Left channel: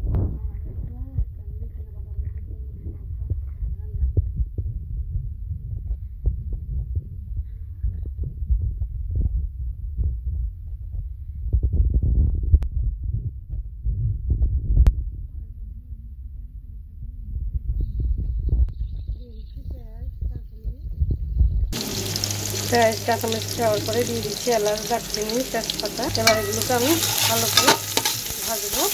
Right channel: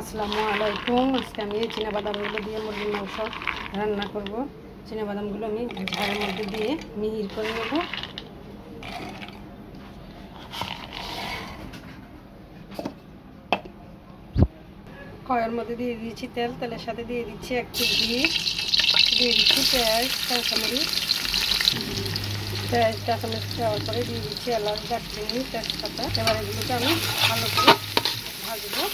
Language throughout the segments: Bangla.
আসসালামু আলাইকুম। আজকে আমি এই চিনাবাদামগুলো দিয়ে মুরগির মাংস রান্না করব। চিনাবাদামগুলো আমি ঝালের মধ্যে দিয়ে মিহির করে নেব। কড়াইয়ের মধ্যে দিয়ে দিয়েছি তেল, তেলের সাথে দিয়ে দিচ্ছি একটু ঘি, দিয়ে দিচ্ছি পেঁয়াজ, কাঁচামরিচ। পেঁয়াজ কাঁচামরিচ দেওয়ার পরে দিয়ে দিচ্ছি এলাচ, দারচিনি, তেজপাতা। এবার এগুলোকে আমি ভালো করে ভাজবো।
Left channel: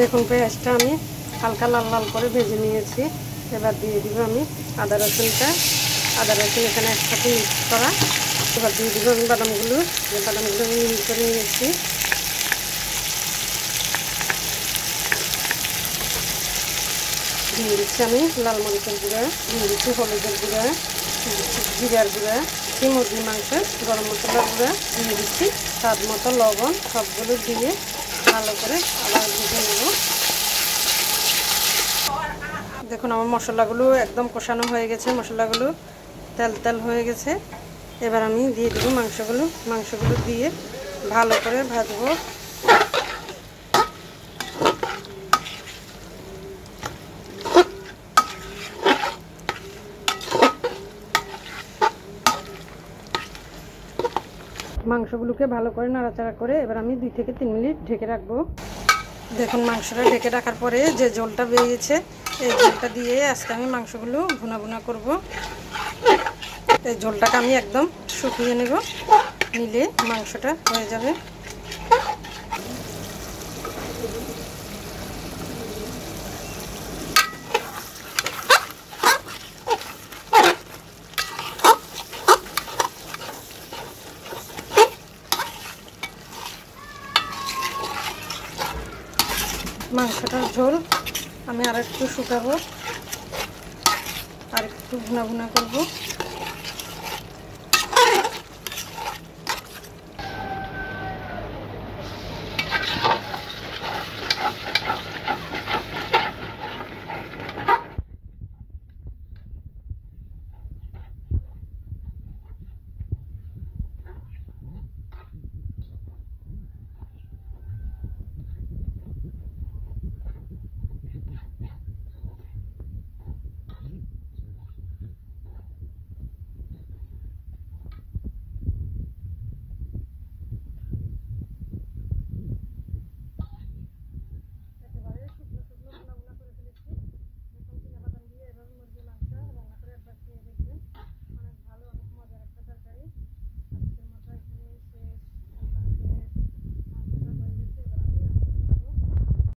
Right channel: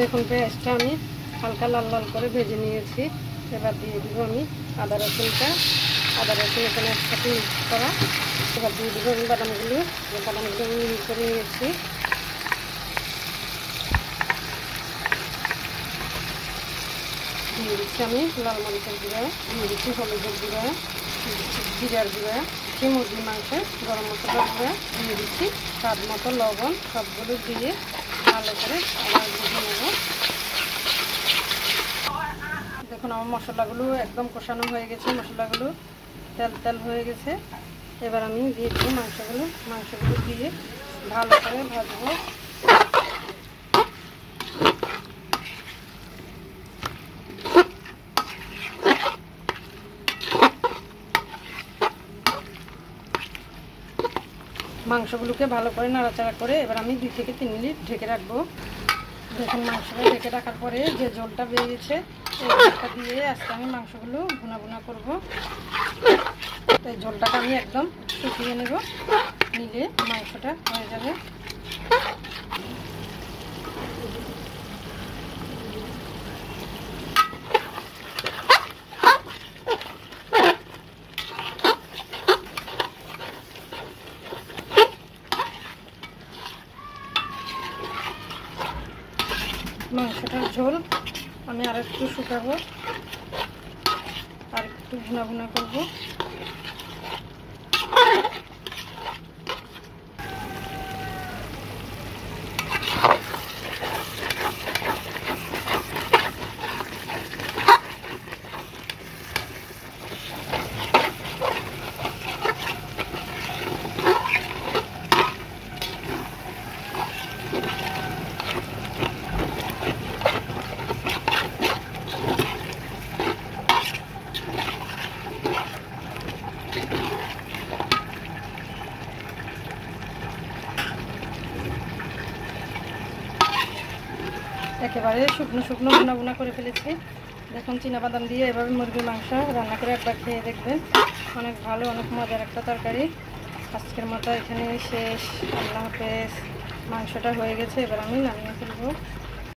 দেখুন পেঁয়াজটা আমি হালকা লাল লাল করে ভেজে নিয়েছি। এবার দিয়ে দিব আমি আদা রসুনটা। আদা রসুন এখানে একসাথে মিক্স করা। এবার দিয়ে দিব আমি বাদামগুলো আমি মিক্স করে নিয়েছি। দিয়ে দিচ্ছি আমি লাল মরিচের গুঁড়া, দিয়ে দিচ্ছি হলুদের গুঁড়া, দিয়ে দিচ্ছি জিরার গুঁড়া, দিচ্ছি মুরগির মাংস গরম মশলার গুঁড়া, দিয়ে দিচ্ছি স্বাদ মতো লবণ। সবগুলো দিয়ে ভালো করে আবার ভেজে নেব। দেখুন আমার মশলাগুলো একদম কষানো হয়ে গেছে, মশলাগুলো তেল তেল হয়ে গেছে। এবার আমি দিয়ে দেবো মাংসগুলো দিয়ে ভালো করে ভাজবো। মাংসগুলোকে ভালো করে নাড়াচাড়া করে এবার আমি 2 থেকে 3 মিনিট ঢেকে রাখবো। দেখুন মাংসটা ঢেকে রাখার পরে যে ঝোলটা বেরিয়েছে, এই ঝোলটা দিয়ে আজকে আমি মাংসগুলো ভুনা ভুনা করব। এই ঝোলটাকে আমি একদম শুকিয়ে নেব, নিলে মাংসটা হয়ে যাবে। মাংসটার ঝোল আমি আর একটু শুকাবো, আর একটু ভুনা ভুনা করব। একেবারে শুকনো শুকনো ভুনা ভুনা করে ফেলেছি। দেখুন চিনাবাদাম দিয়ে এভাবে মুরগির মাংস রান্না করে একবার খেয়ে দেখবেন, অনেক ভালো, অনেক মজার একটা তরকারি। আজকের মতো এখানেই শেষ। আল্লাহ হাফেজ। মাংসটা হয়ে গেছে, এবার আমি নামিয়ে ফেলবো।